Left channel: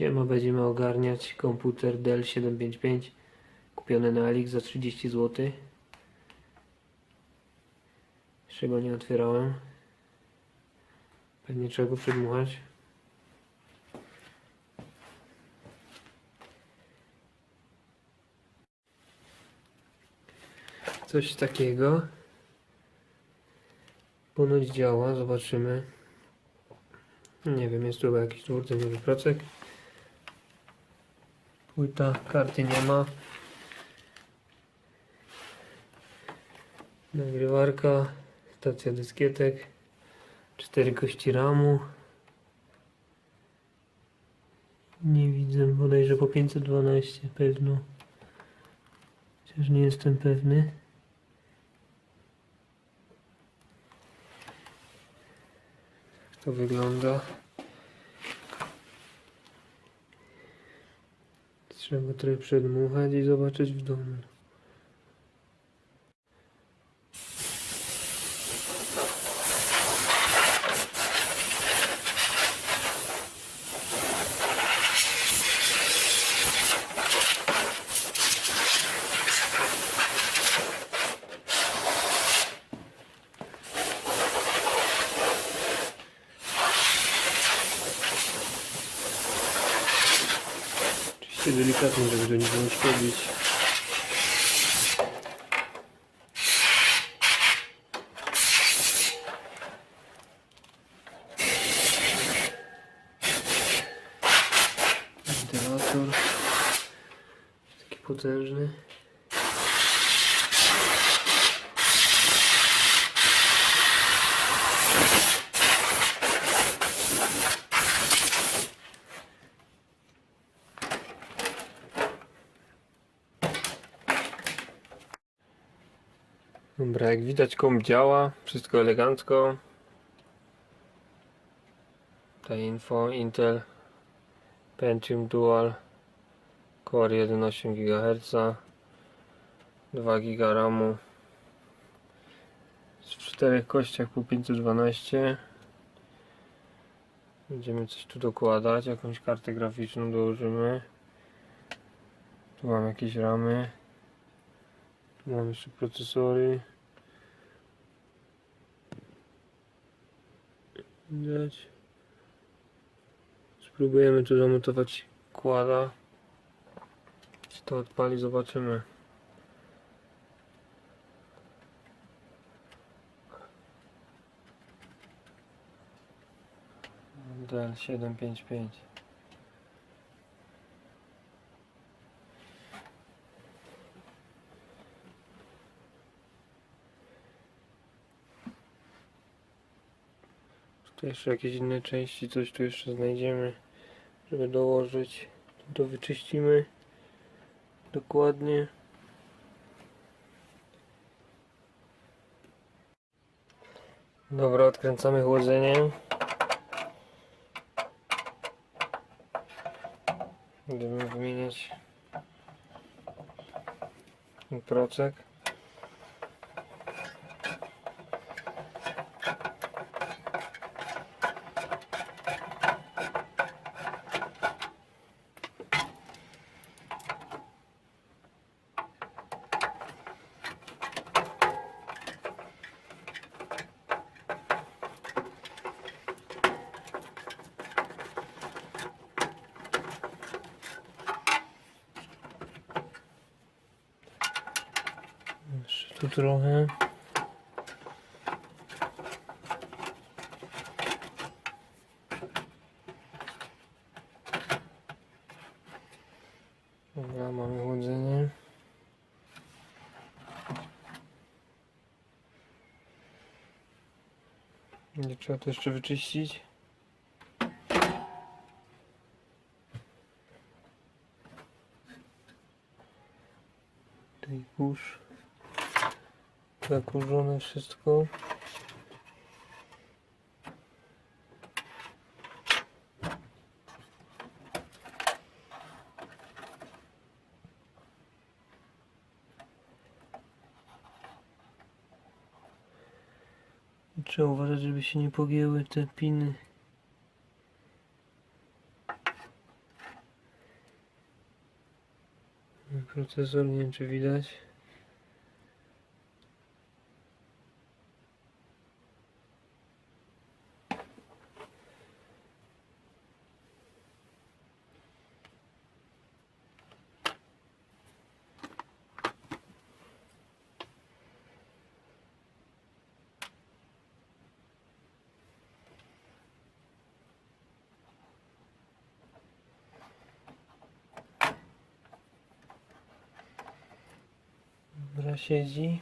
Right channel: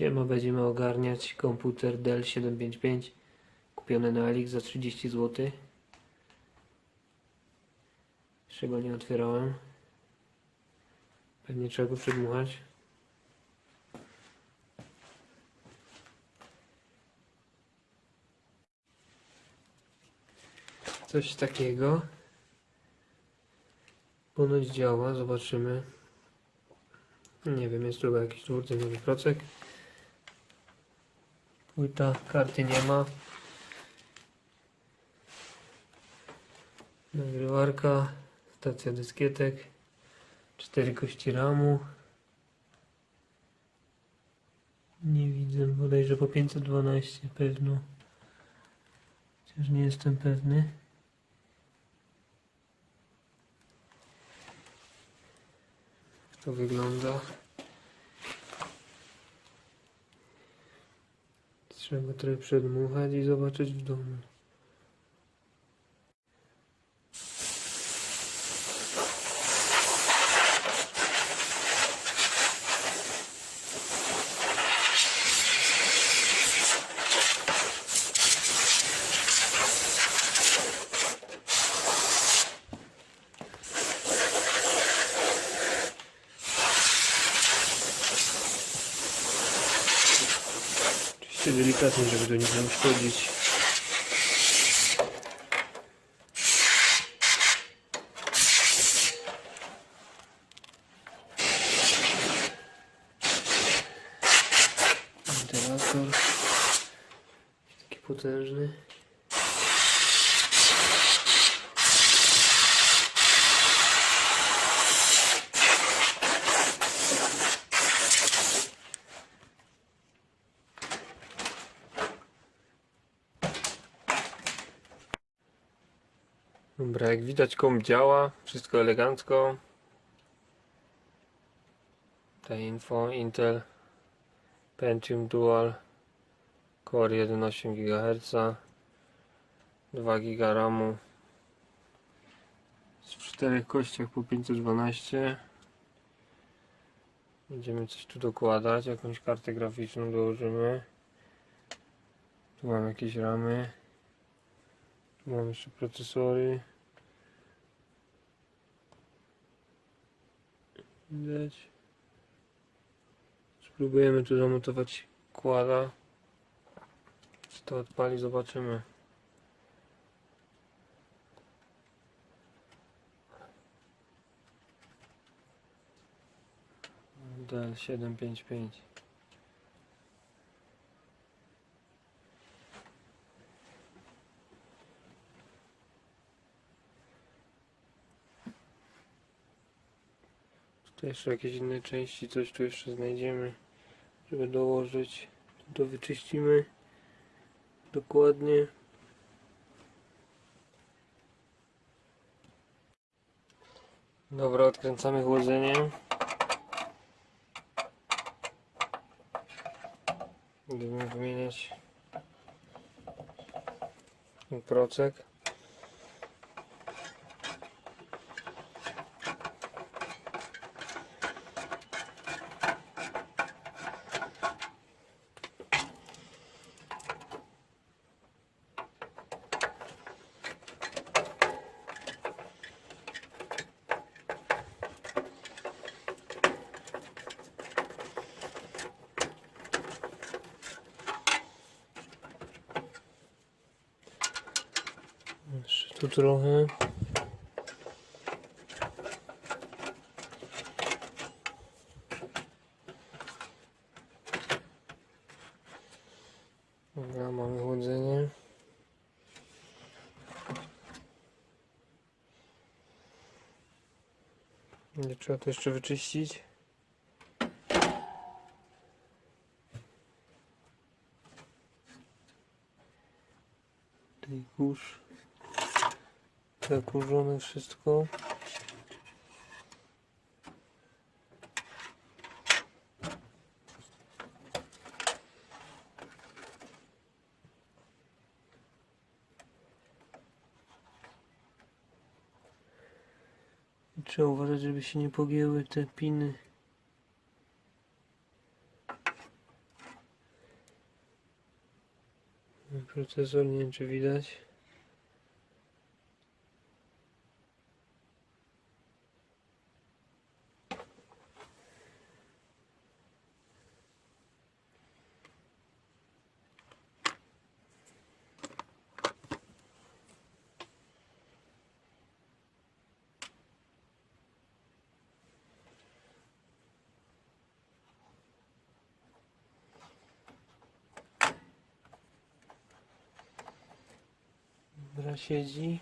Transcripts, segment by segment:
Siema, będziemy ogarniać komputer Dell 755 kupiony na Alix za 30 zł. Jeszcze go nie otwierałem. Pewnie trzeba go przedmuchać. Coś takiego. Ponoć działa, zobaczymy. Nie wiem, jest tu jakiś dwurdzeniowy procek. Płyta, karty nie ma. Nagrywarka, stacja dyskietek, cztery kości ramu. Nie widzę, bodajże po 512 pewno. Chociaż nie jestem pewny. Jak to wygląda? Trzeba trochę przedmuchać i zobaczyć w domu. Oczywiście delikatnie, żeby do nic nie uszkodzić. Wentylator. Jakiś Taki potężny. Dobra, jak widać komp działa, wszystko elegancko. Ta info Intel Pentium Dual Core 1,8 GHz 2 GB RAMu. W czterech kościach po 512 Będziemy coś tu dokładać, jakąś kartę graficzną dołożymy. Tu mam jakieś ramy Mam jeszcze procesory. Widać. Spróbujemy tu zamontować kłada. Czy to odpali, zobaczymy. DL755 To jeszcze jakieś inne części, coś tu jeszcze znajdziemy, żeby dołożyć. To wyczyścimy dokładnie. Dobra, odkręcamy chłodzenie. Będziemy wymieniać procek. Trochę. Dobra, mamy chłodzenie. Nie trzeba to jeszcze wyczyścić. Tutaj kurz zakurzone wszystko. Trzeba uważać, żeby się nie pogięły te piny. Procesor nie wiem, czy widać. Dobra, siedzi.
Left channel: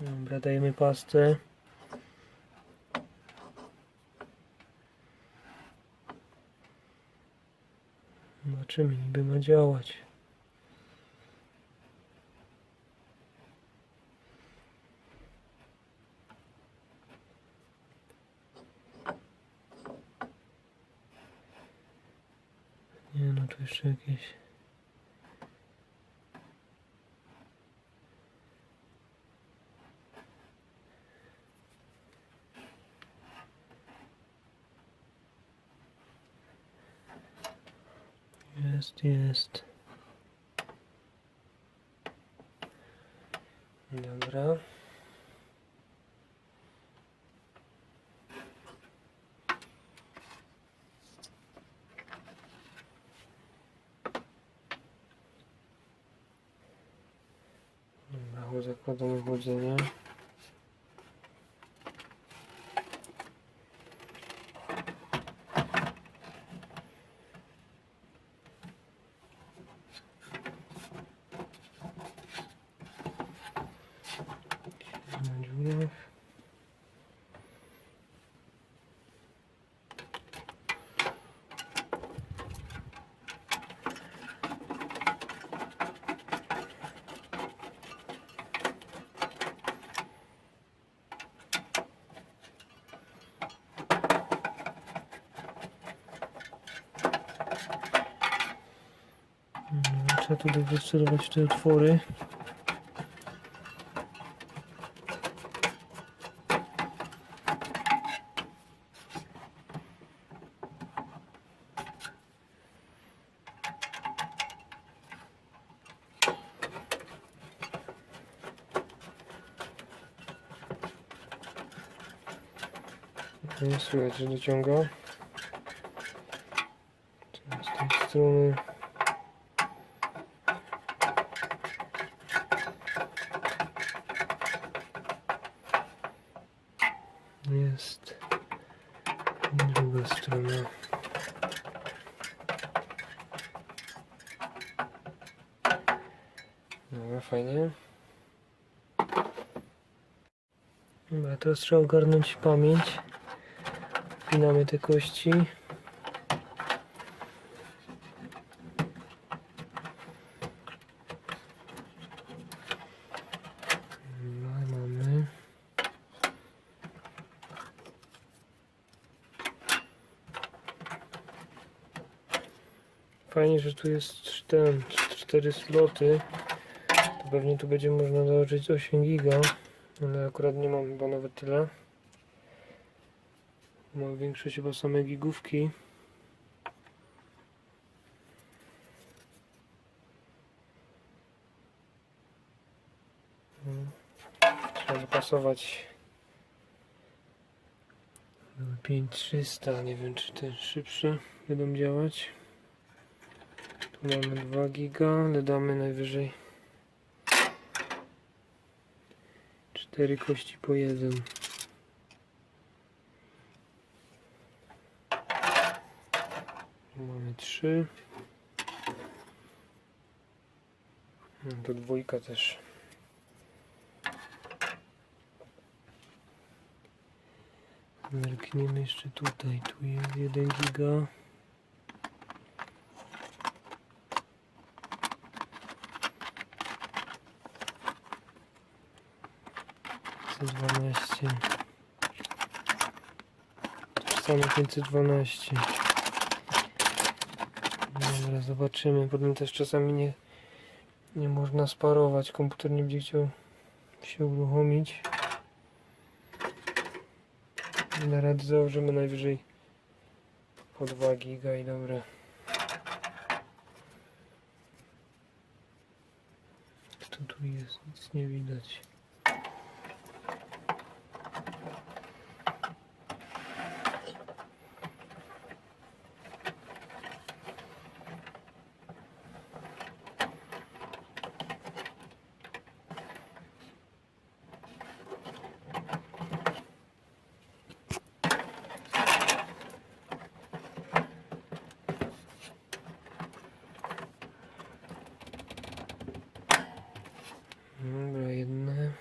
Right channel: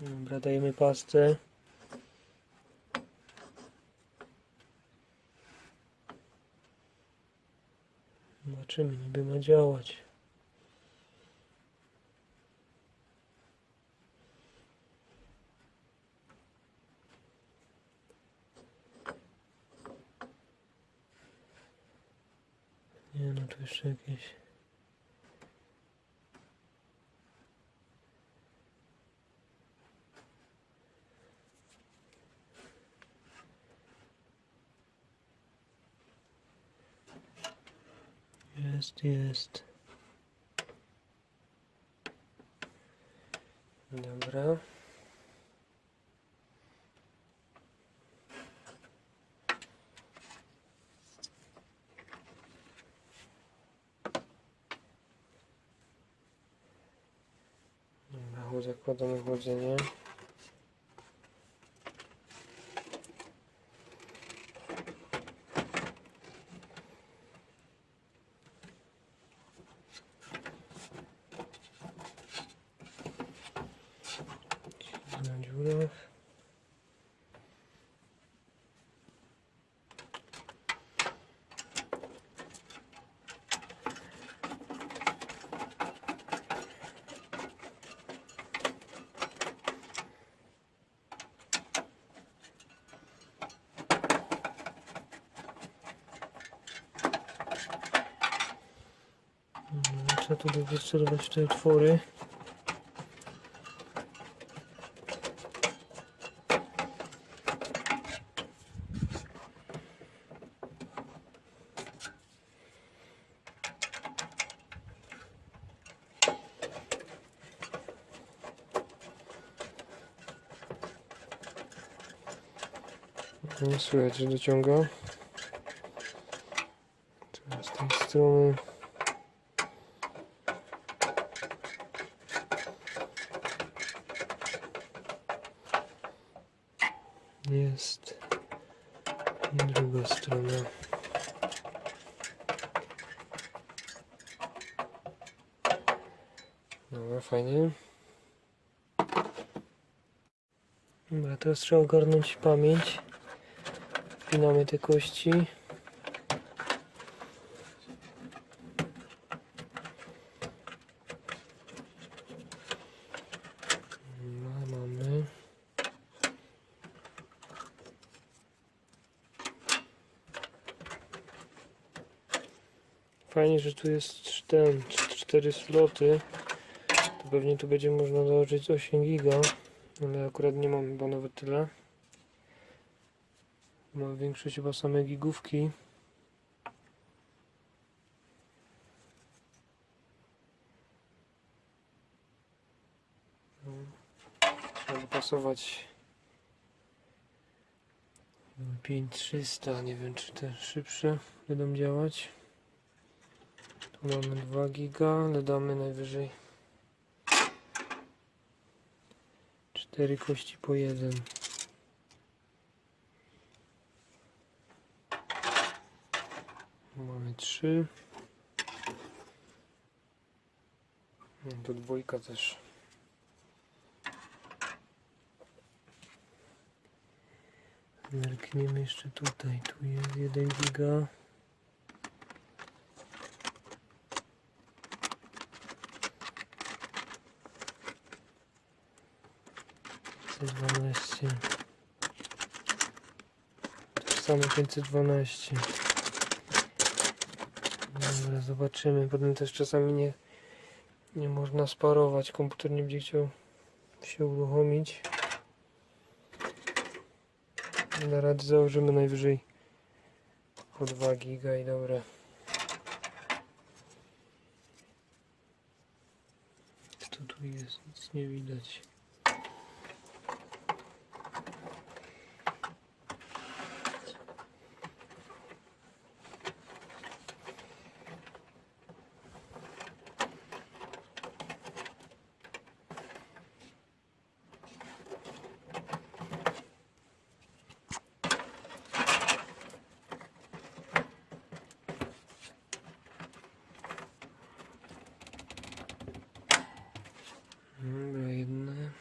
Dobra, dajemy pastę. Zobaczymy, niby ma działać. Nie no, tu jeszcze jakieś... Jest, jest. Dobra. Dobra, zakładamy chłodzenie. na dziurach. No, Trzeba tu wycelować te otwory. Nie słychać, że z tej strony. Dobra, fajnie. Dobra, teraz trzeba ogarnąć pamięć. Wpinamy te kości. No. Fajnie, że tu jest ten, cztery sloty. Pewnie tu będzie można założyć 8 giga, ale akurat nie mam chyba nawet tyle. Mam większość chyba same gigówki. Mm. Trzeba dopasować 5300, nie wiem czy te szybsze będą działać. Tu mamy 2 giga, ale damy najwyżej 4 kości po jeden. Mamy trzy. No, to dwójka też. Zerkniemy jeszcze tutaj. Tu jest 1 giga. To samo 512. Mamy Dobra, zobaczymy. Potem też czasami nie, nie można sparować. Komputer nie będzie chciał się uruchomić. Na radę założymy najwyżej po 2 giga i dobra. Kto tu jest? Nic nie widać. Dobra, jedne.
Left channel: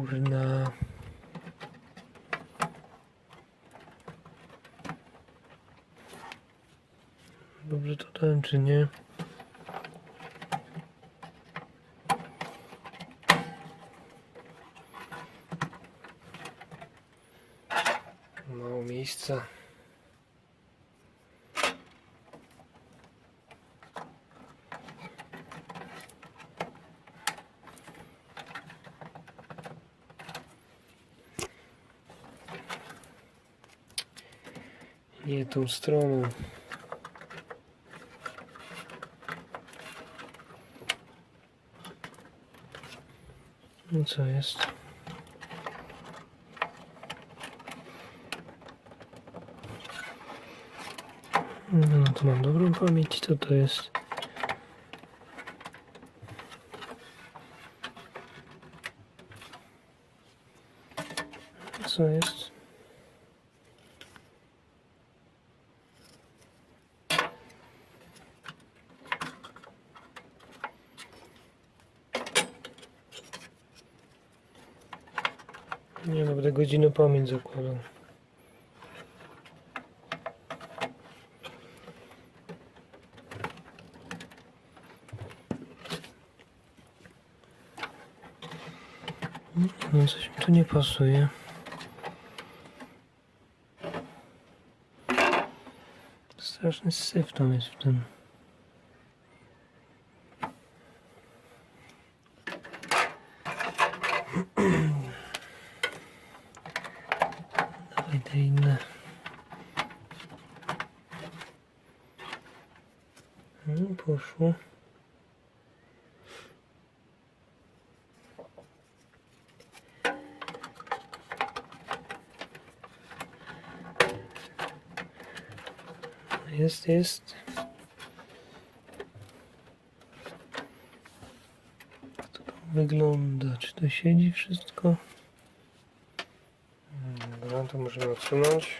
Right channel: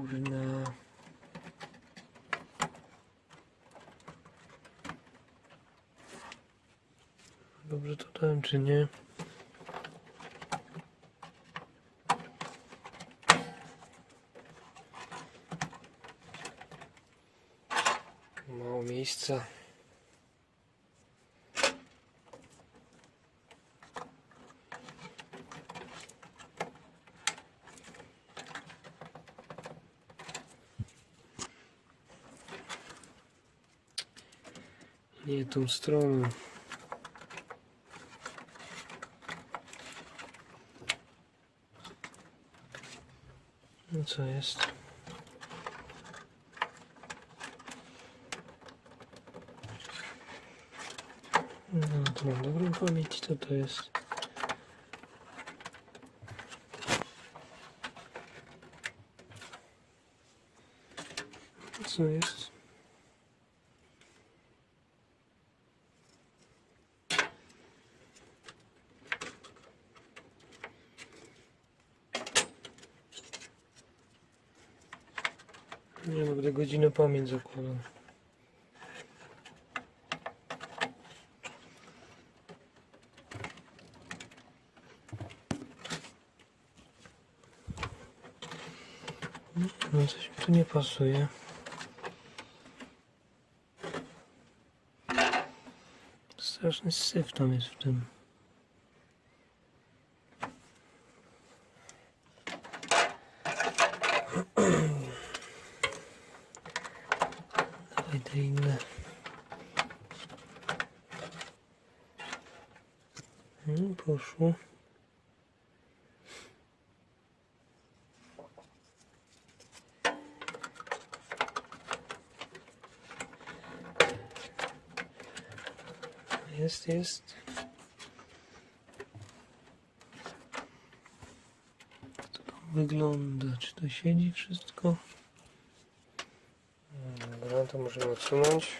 Kurna. Dobrze to dałem, czy nie? Mało miejsca. Nie tą stroną. No co jest? No to mam dobrą pamięć, co to jest? Co jest? Nie no, będę godzinę pamięć zakładał. No coś mi tu nie pasuje. Straszny syf tam jest w tym. Dawaj te inne. No, poszło. Jest, jest. Jak tam wygląda? Czy to siedzi wszystko? To możemy odsunąć.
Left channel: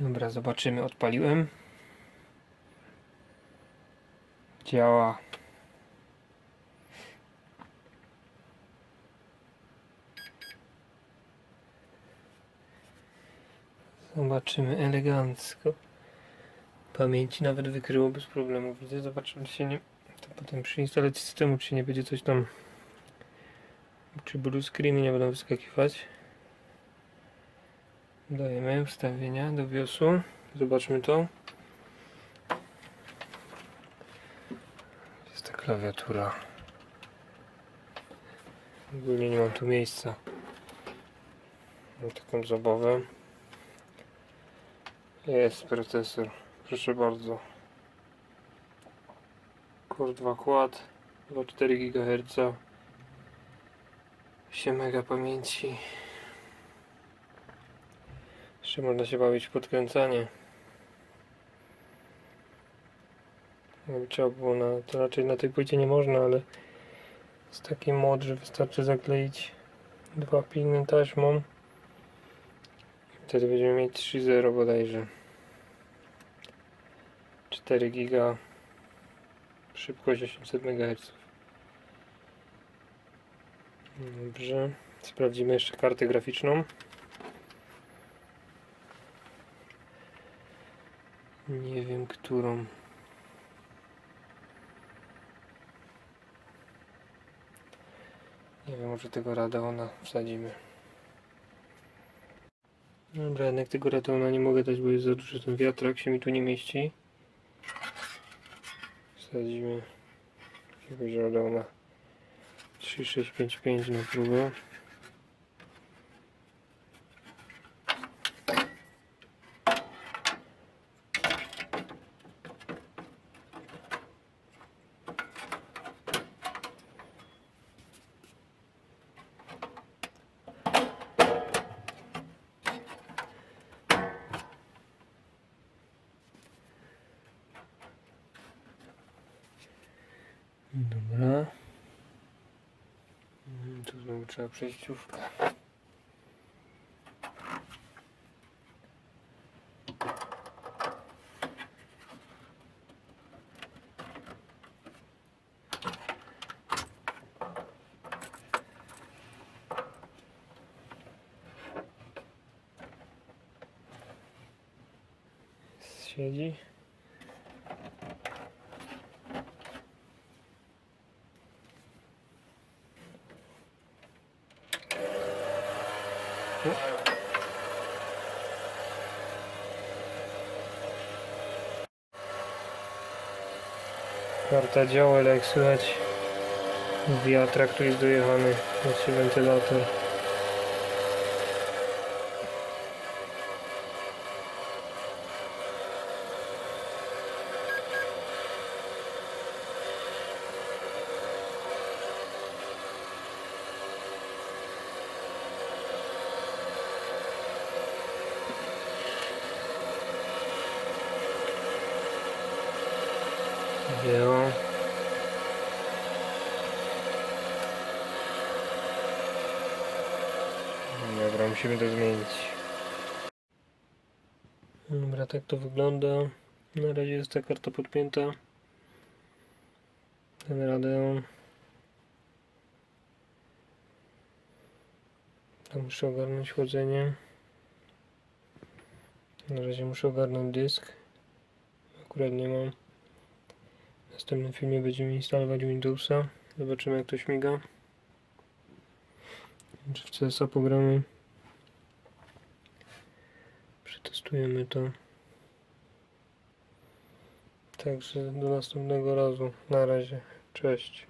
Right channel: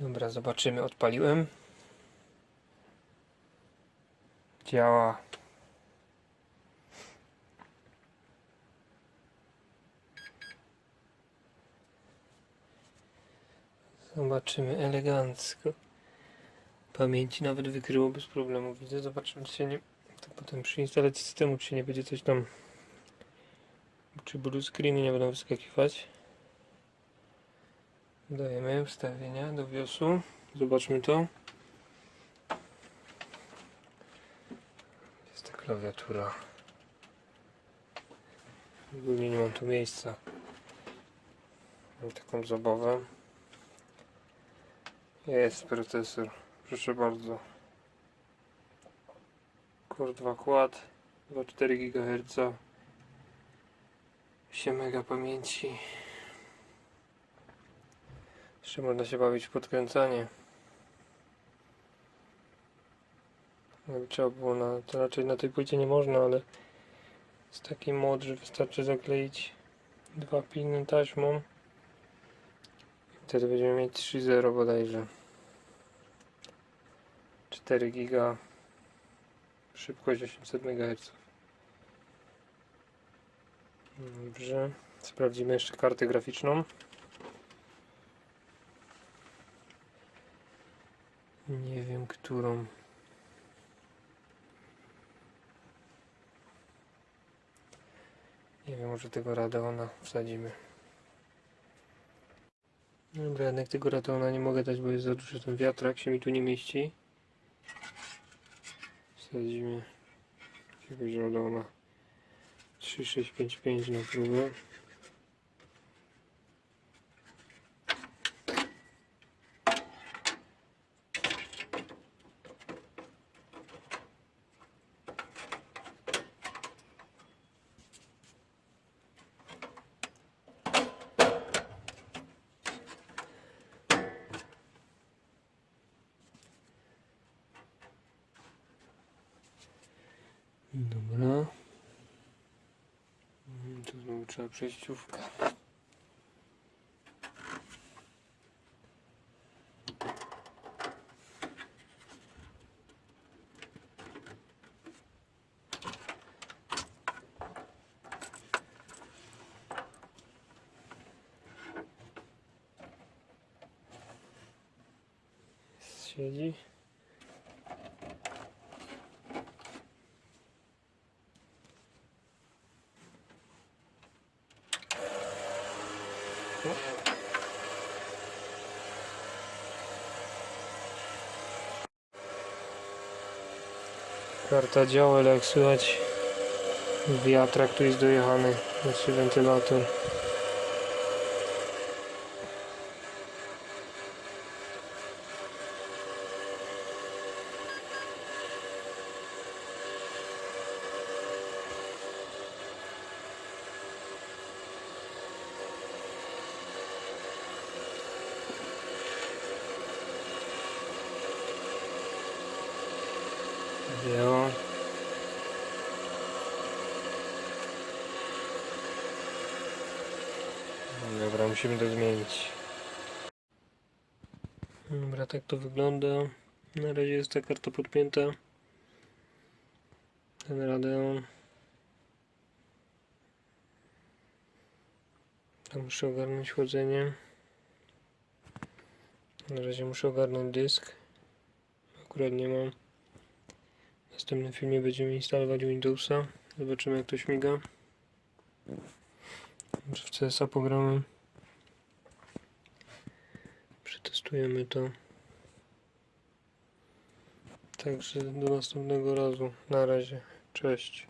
Dobra, zobaczymy. Odpaliłem. Działa. Zobaczymy elegancko. Pamięci nawet wykryło bez problemu. Widzę, zobaczymy czy się nie. To potem przy instalacji systemu, czy nie będzie coś tam. Czy blue screeny nie będą wyskakiwać. Dajemy ustawienia do BIOSu. Zobaczmy to. Jest ta klawiatura. Ogólnie nie mam tu miejsca. Mam taką zabawę. Jest procesor. Proszę bardzo. Core 2 Quad 2,4 GHz 8 MB pamięci. Jeszcze można się bawić w podkręcanie. Trzeba było na, to raczej na tej płycie nie można, ale jest taki mod, że wystarczy zakleić dwa piny taśmą. Wtedy będziemy mieć 3.0 bodajże 4 giga szybkość 800 MHz dobrze sprawdzimy jeszcze kartę graficzną Nie wiem, którą. Nie wiem, może tego Radeona wsadzimy. Dobra, jednak tego Radeona nie mogę dać, bo jest za duży ten wiatrak, się mi tu nie mieści. Wsadzimy jakiegoś Radeona 3655 na próbę. Dobra. Mm, Tu znowu trzeba przejściówkę. Siedzi. Karta działa, ale jak słychać wiatrak tu jest dojechany, się wentylator. Wzięło. Dobra, musimy to zmienić. Dobra, tak to wygląda. Na razie jest ta karta podpięta. Ten Radeon. To muszę ogarnąć chłodzenie. Na razie muszę ogarnąć dysk. Akurat nie mam. W następnym filmie będziemy instalować Windowsa. Zobaczymy jak to śmiga. Może w CSA pogramy. Przetestujemy to. Także do następnego razu. Na razie. Cześć.